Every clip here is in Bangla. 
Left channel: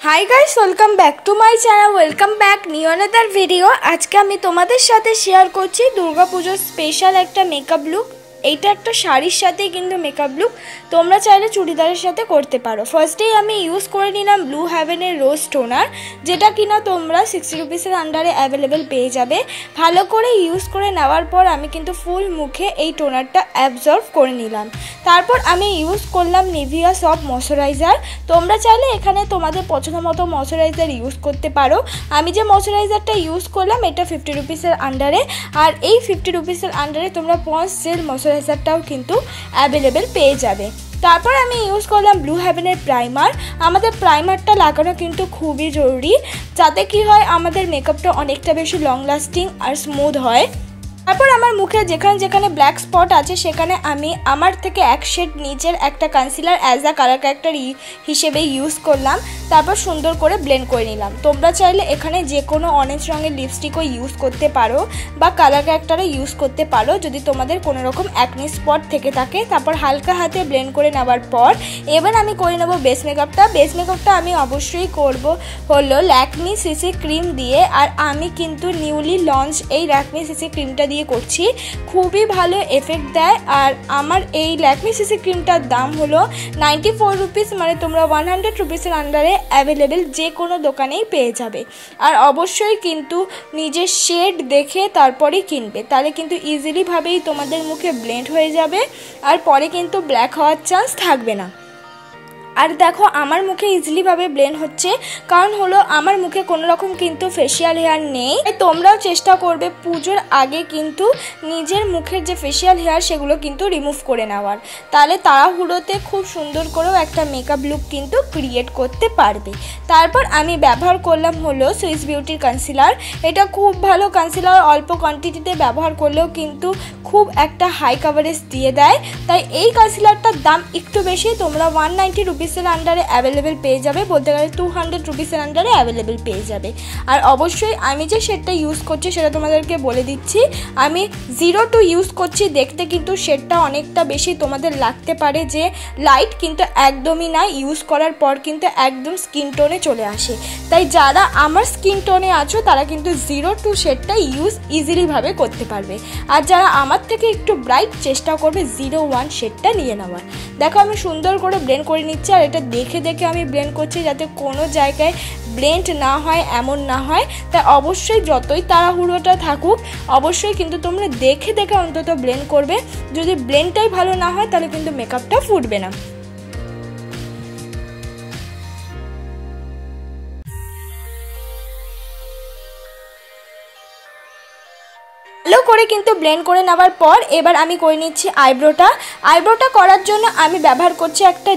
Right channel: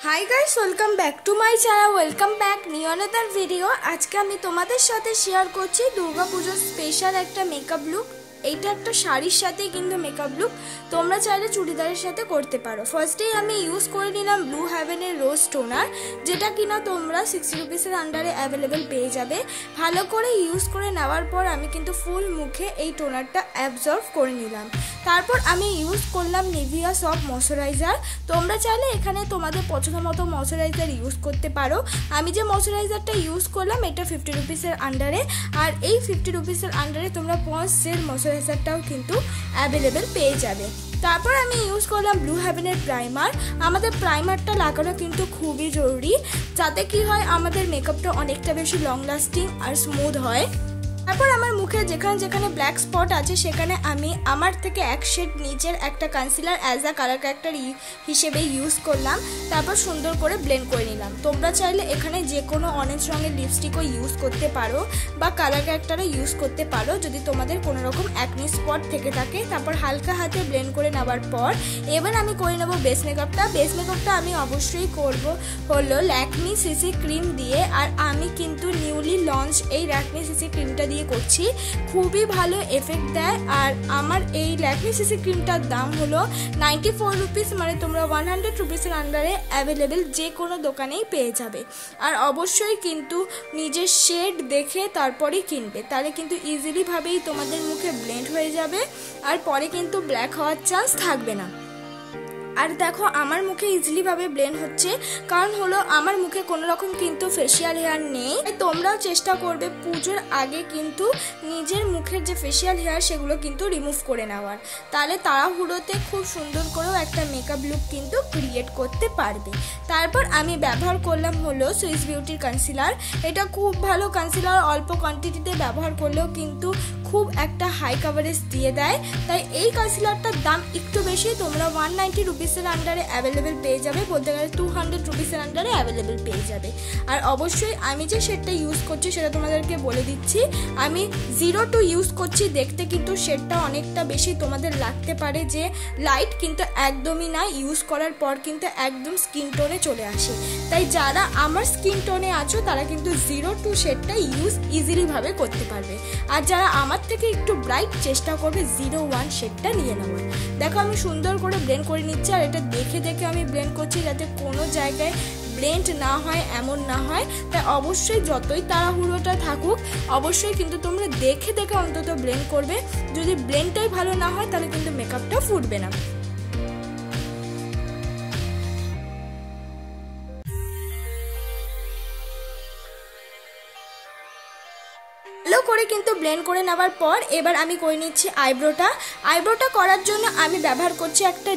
Hi guys, welcome back to my channel. Welcome back new another video. আজকে আমি তোমাদের সাথে শেয়ার করছি দুর্গাপুজোর স্পেশাল একটা মেকআপ লুক। এইটা একটা শাড়ির সাথে কিন্তু মেকআপ লুক, তোমরা চাইলে চুড়িদারের সাথে করতে পারো। ফার্স্টেই আমি ইউজ করে নিলাম ব্লু হেভেনের রোজ টোনার, যেটা কিনা তোমরা 60 রুপিসের আন্ডারে অ্যাভেলেবেল পেয়ে যাবে। ভালো করে ইউজ করে নেওয়ার পর আমি কিন্তু ফুল মুখে এই টোনারটা অ্যাবজর্ব করে নিলাম। তারপর আমি ইউজ করলাম নিভিয়া সফট ময়শ্চারাইজার। তোমরা চাইলে এখানে তোমাদের পছন্দ মতো ময়শ্চারাইজার ইউজ করতে পারো। আমি যে ময়শ্চারাইজারটা ইউজ করলাম এটা 50 রুপিসের আন্ডারে, আর এই 50 রুপিসের আন্ডারে তোমরা পন্স জেল ময়শ্চারাইজারটাও কিন্তু অ্যাভেলেবেল পেয়ে যাবে। তারপর আমি ইউজ করলাম ব্লু হেভেনের প্রাইমার। আমাদের প্রাইমারটা লাগানো কিন্তু খুবই জরুরি, যাতে কি হয় আমাদের মেকআপটা অনেকটা বেশি লং লাস্টিং আর স্মুথ হয়। তারপর আমার মুখে যেখানে যেখানে ব্ল্যাক স্পট আছে সেখানে আমি আমার থেকে এক শেড নিচের একটা concealer as a colour character হিসেবে ইউজ করলাম। তারপর সুন্দর করে ব্লেন্ড করে নিলাম। তোমরা চাইলে এখানে যে কোনো অরেঞ্জ রঙের লিপস্টিকও ইউজ করতে পারো বা কালার ক্যারেক্টারও ইউজ করতে পারো যদি তোমাদের কোনো রকম অ্যাকনি স্পট থেকে থাকে। তারপর হালকা হাতে ব্লেন্ড করে নেওয়ার পর এবার আমি করে নেব বেস মেকআপটা। বেস মেকআপটা আমি অবশ্যই করব হলো ল্যাকমি সিসি ক্রিম দিয়ে, আর আমি কিন্তু নিউলি লঞ্চ এই ল্যাকমি সিসি ক্রিমটা দিয়ে করছি। খুবই ভালো এফেক্ট দেয়। আর আমার এই ল্যাকমি সিসি ক্রিমটার দাম হলো 94 রুপিস, মানে তোমরা 100 রুপিসের আন্ডারে অ্যাভেলেবেল যে কোনো দোকানেই পেয়ে যাবে। আর অবশ্যই কিন্তু নিজের শেড দেখে তারপরেই কিনবে, তাহলে কিন্তু ইজিলি ভাবেই তোমাদের মুখে ব্লেন্ড হয়ে যাবে আর পরে কিন্তু ব্ল্যাক হওয়ার চান্স থাকবে না। আর দেখো আমার মুখে ইজিলি ভাবে ব্লেন্ড হচ্ছে, কারণ হলো আমার মুখে কোনো রকম কিন্তু ফেসিয়াল হেয়ার নেই। তোমরাও চেষ্টা করবে পুজোর আগে কিন্তু নিজের মুখের যে ফেসিয়াল হেয়ার সেগুলো কিন্তু রিমুভ করে নেওয়ার, তাহলে তাড়াহুড়োতে খুব সুন্দর করেও একটা মেকআপ লুক কিন্তু ক্রিয়েট করতে পারবে। তারপর আমি ব্যবহার করলাম হলো সুইস বিউটির কনসিলার। এটা খুব ভালো কনসিলার, অল্প কোয়ান্টিটিতে ব্যবহার করলেও কিন্তু খুব একটা হাই কাভারেজ দিয়ে দেয়। তাই এই কনসিলারটার দাম একটু বেশি, তোমরা 190 রুপিসের আন্ডারে অ্যাভেলেবেল পেয়ে যাবে, বলতে গেলে 200 রুপিসের আন্ডারে অ্যাভেলেবেল পেয়ে যাবে। আর অবশ্যই আমি যে শেডটা ইউজ করছি সেটা তোমাদেরকে বলে দিচ্ছি, আমি 02 ইউজ করছি। দেখতে কিন্তু শেডটা অনেকটা বেশি তোমাদের লাগতে পারে যে লাইট, কিন্তু একদমই না। ইউজ করার পর কিন্তু একদম স্কিন টোনে চলে আসে। তাই যারা আমার স্কিন টোনে আছো তারা কিন্তু 02 শেডটা ইউজ ইজিলি ভাবে করতে পারবে। আর যারা আমার থেকে একটু ব্রাইট চেষ্টা করবে 01 শেডটা নিয়ে নেওয়ার। দেখো আমি সুন্দর করে ব্লেন্ড করে নিচ্ছি, আর এটা দেখে দেখে আমি ব্লেন্ড করছি যাতে কোনো জায়গায় ব্লেন্ড না হয়, এমন না হয়। তাই অবশ্যই যতই তাড়াহুড়োটা থাকুক অবশ্যই কিন্তু তোমরা দেখে দেখে অন্তত ব্লেন্ড করবে। যদি ব্লেন্ডটাই ভালো না হয় তাহলে কিন্তু মেকআপটা ফুটবে না। ভালো করে কিন্তু ব্লেন্ড করে নেওয়ার পর এবার আমি করে নিচ্ছি আইব্রোটা। আইব্রোটা করার জন্য আমি ব্যবহার করছি একটা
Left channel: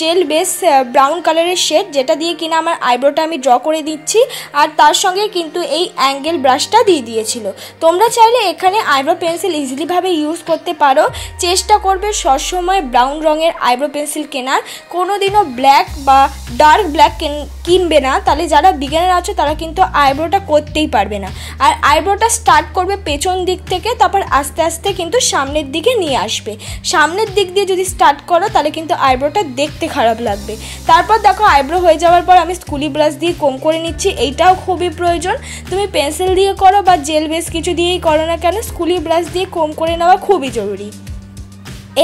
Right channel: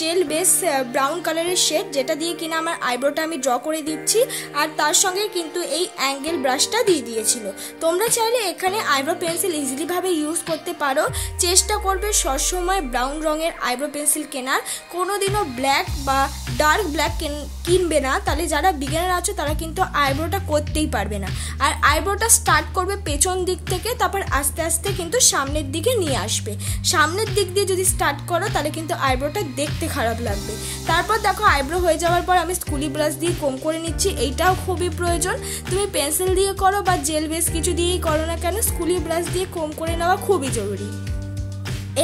জেল বেস ব্রাউন কালারের শেড, যেটা দিয়ে কিনা আমার আইব্রোটা আমি ড্র করে দিচ্ছি। আর তার সঙ্গে কিন্তু এই অ্যাঙ্গেল ব্রাশটা দিয়ে দিয়েছিল। তোমরা চাইলে এখানে আইব্রো পেন্সিল ইজিলি ভাবে ইউজ করতে পারো। চেষ্টা করবে সবসময় ব্রাউন রঙের আইব্রো পেন্সিল কেনার, কোনোদিনও ব্ল্যাক বা ডার্ক ব্ল্যাক কিনবে না, তাহলে যারা বিগিনার আছো তারা কিন্তু আইব্রোটা করতেই পারবে না। আর আইব্রোটা স্টার্ট করবে পেছন দিক থেকে, তারপর আস্তে আস্তে কিন্তু সামনের দিকে নিয়ে আসবে। সামনের দিক দিয়ে যদি স্টার্ট করো তাহলে কিন্তু আইব্রোটা দেখতে খারাপ লাগবে। তারপর দেখো আইব্রো হয়ে যাওয়ার পর আমি স্কুলি ব্রাশ দিয়ে কোম করে নিচ্ছি। এইটাও খুবই প্রয়োজন, তুমি পেন্সিল দিয়ে করো বা জেল বেস কিছু দিয়েই করো না কেন, স্কুলি ব্রাশ দিয়ে কোম করে নেওয়া খুবই জরুরি।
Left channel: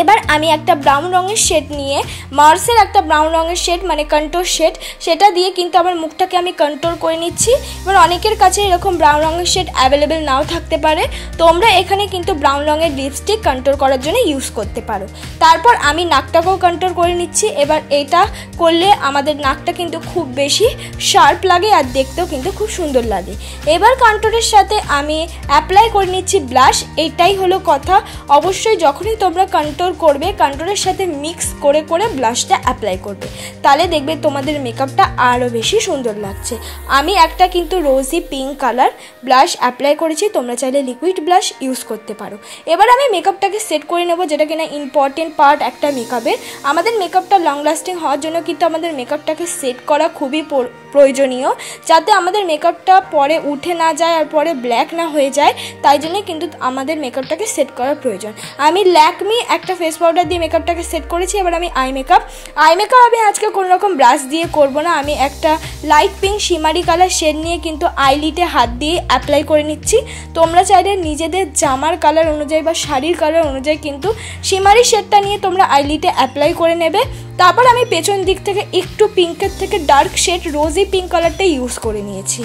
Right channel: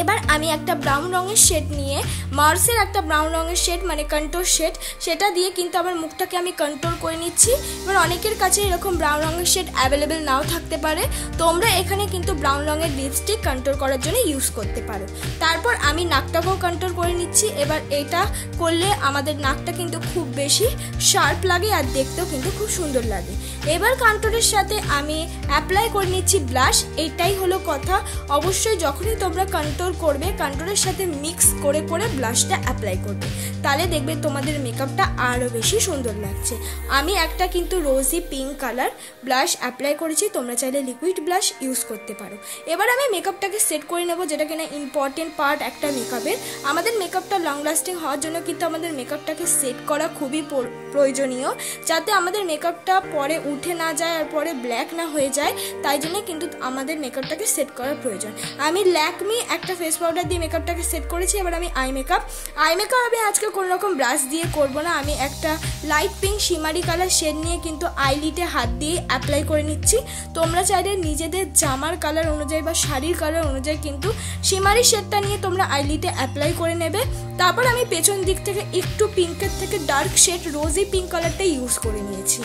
এবার আমি একটা ব্রাউন রঙের শেড নিয়ে, মার্সের একটা ব্রাউন রঙের শেড মানে কন্ট্রোল শেড, সেটা দিয়ে কিন্তু আমার মুখটাকে আমি কন্ট্রোল করে নিচ্ছি। এবার অনেকের কাছে এরকম ব্রাউন রঙের শেড অ্যাভেলেবেল নাও থাকতে পারে, তোমরা এখানে কিন্তু ব্রাউন রঙের লিপস্টিক কন্ট্রোল করার জন্য ইউজ করতে পারো। তারপর আমি নাকটাকেও কন্ট্রোল করে নিচ্ছি। এবার এটা করলে আমাদের নাকটা কিন্তু খুব বেশি শার্প লাগে আর দেখতেও কিন্তু খুব সুন্দর লাগে। এবার কন্ট্রোলের সাথে আমি অ্যাপ্লাই করে নিচ্ছি ব্লাশ। এইটাই হলো কথা, অবশ্যই যখনই তোমরা কন্ট্রোল করবে কন্ট্রোলের সাথে মিক্স করে করে ব্লাশটা অ্যাপ্লাই করবে, তাহলে দেখবে তোমাদের মেকআপটা আরও বেশি সুন্দর লাগছে। আমি একটা কিন্তু রোজি পিঙ্ক কালার ব্লাশ অ্যাপ্লাই করেছি, তোমরা চাইলে লিকুইড ব্লাশ ইউজ করতে পারো। এবার আমি মেকআপটাকে সেট করে নেব, যেটা কিনা ইম্পর্টেন্ট পার্ট একটা মেকআপের। আমাদের মেকআপটা লং লাস্টিং হওয়ার জন্য কিন্তু আমাদের মেকআপটাকে সেট করা খুবই প্রয়োজনীয়, যাতে আমাদের মেকআপটা পরে উঠে না যায় আর পরে ব্ল্যাক না হয়ে যায়। তাই জন্য কিন্তু আমাদের মেকআপটাকে সেট করার প্রয়োজন। আমি ল্যাকমি একটা একটা ফেস পাউডার দিয়ে মেকআপটাকে সেট করেছি। এবার আমি আই মেকআপ আমি আজকে কোনো রকম ব্রাশ দিয়ে করব না। আমি একটা light pink shimmery colour shade নিয়ে কিন্তু আইলিটে হাত দিয়ে অ্যাপ্লাই করে নিচ্ছি। তোমরা চাইলে নিজেদের জামার কালার অনুযায়ী বা শাড়ির কালার অনুযায়ী কিন্তু শিমারি শেডটা নিয়ে তোমরা আইলিটে অ্যাপ্লাই করে নেবে। তারপর আমি পেছন দিক থেকে একটু পিঙ্কের থেকে ডার্ক শেড রোজি পিঙ্ক কালারটা ইউজ করে নিয়েছি।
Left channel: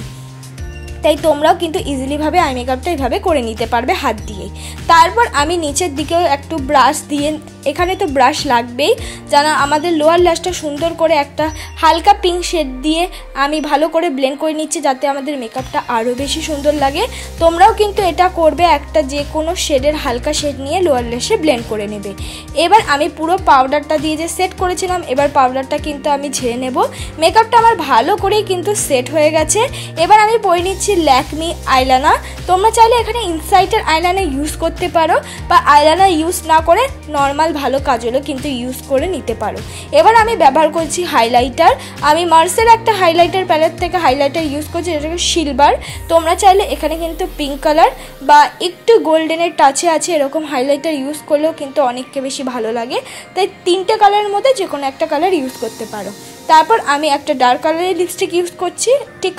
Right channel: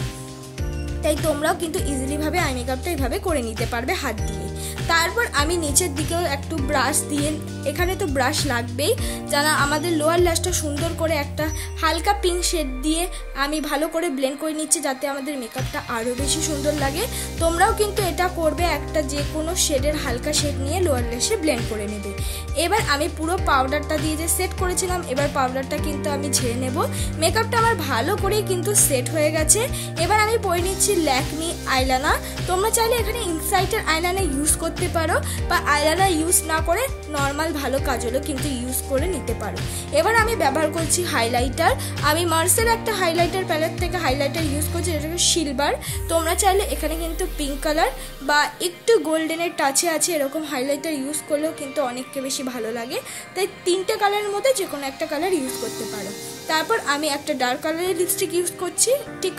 তাই তোমরাও কিন্তু ইজিলিভাবে আই মেকআপটা এইভাবে করে নিতে পারবে হাত দিয়ে। তারপর আমি নিচের দিকেও একটু ব্রাশ দিয়ে, এখানে তো ব্রাশ লাগবেই, যেন আমাদের লোয়ার ল্যাশটা সুন্দর করে একটা হালকা পিঙ্ক শেড দিয়ে আমি ভালো করে ব্লেন্ড করে নিচ্ছি, যাতে আমাদের মেকআপটা আরও বেশি সুন্দর লাগে। তোমরাও কিন্তু এটা করবে, একটা যে কোনো শেডের হালকা শেড নিয়ে লোয়ার ল্যাশে ব্লেন্ড করে নেবে। এবার আমি পুরো পাউডারটা দিয়ে যে সেট করেছিলাম, এবার পাউডারটা কিন্তু আমি ঝেড়ে নেব। মেকআপটা আমার ভালো করেই কিন্তু সেট হয়ে গেছে। এবার আমি পরে নিচ্ছি ল্যাকমি আইলাইনার। তোমরা চাইলে এখানে ইনসাইটের আইলাইনার ইউজ করতে পারো, বা আইলাইনার ইউজ না করে নর্মাল ভালো কাজলও কিন্তু ইউজ করে নিতে পারো। এবার আমি ব্যবহার করছি হাইলাইটার। আমি মার্সের একটা হাইলাইটার প্যালেট থেকে হাইলাইটার ইউজ করছি, যেটাকে সিলভার। তোমরা চাইলে এখানে কিন্তু পিঙ্ক কালার বা একটু গোল্ডেনের টাচে আছে এরকম হাইলাইটার ইউজ করলেও কিন্তু অনেককে বেশি ভালো লাগে। তাই 3টে কালারের মধ্যে যে কোনো একটা কালার ইউজ করতে পারো। তারপর আমি একটা ডার্ক কালারের লিপস্টিক ইউজ করছি, ঠিক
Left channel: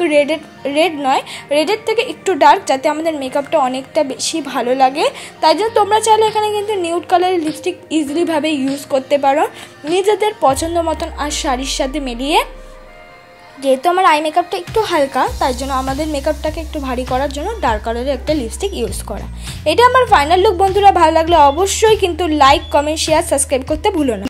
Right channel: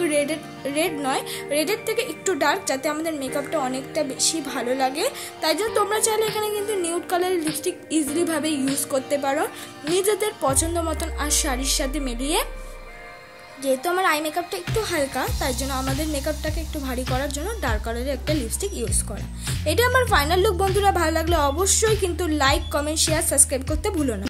রেড নয়, রেডের থেকে একটু ডার্ক, যাতে আমাদের মেকআপটা অনেকটা বেশি ভালো লাগে। তাই জন্য তোমরা চাইলে এখানে কিন্তু নিউড কালারের লিপস্টিক ইজিলিভাবে ইউজ করতে পারো নিজেদের পছন্দ মতন আর শাড়ির সাথে মিলিয়ে। যেহেতু আমার আই মেকআপটা একটু হালকা, তাই জন্য আমাদের মেকআপটাকে একটু ভারী করার জন্য ডার্ক কালারের একটা লিপস্টিক ইউজ করা। এটা আমার ফাইনাল লুক বন্ধুরা। ভালো লাগলে অবশ্যই কিন্তু লাইক, কমেন্ট, শেয়ার, সাবস্ক্রাইব করতে ভুলো না।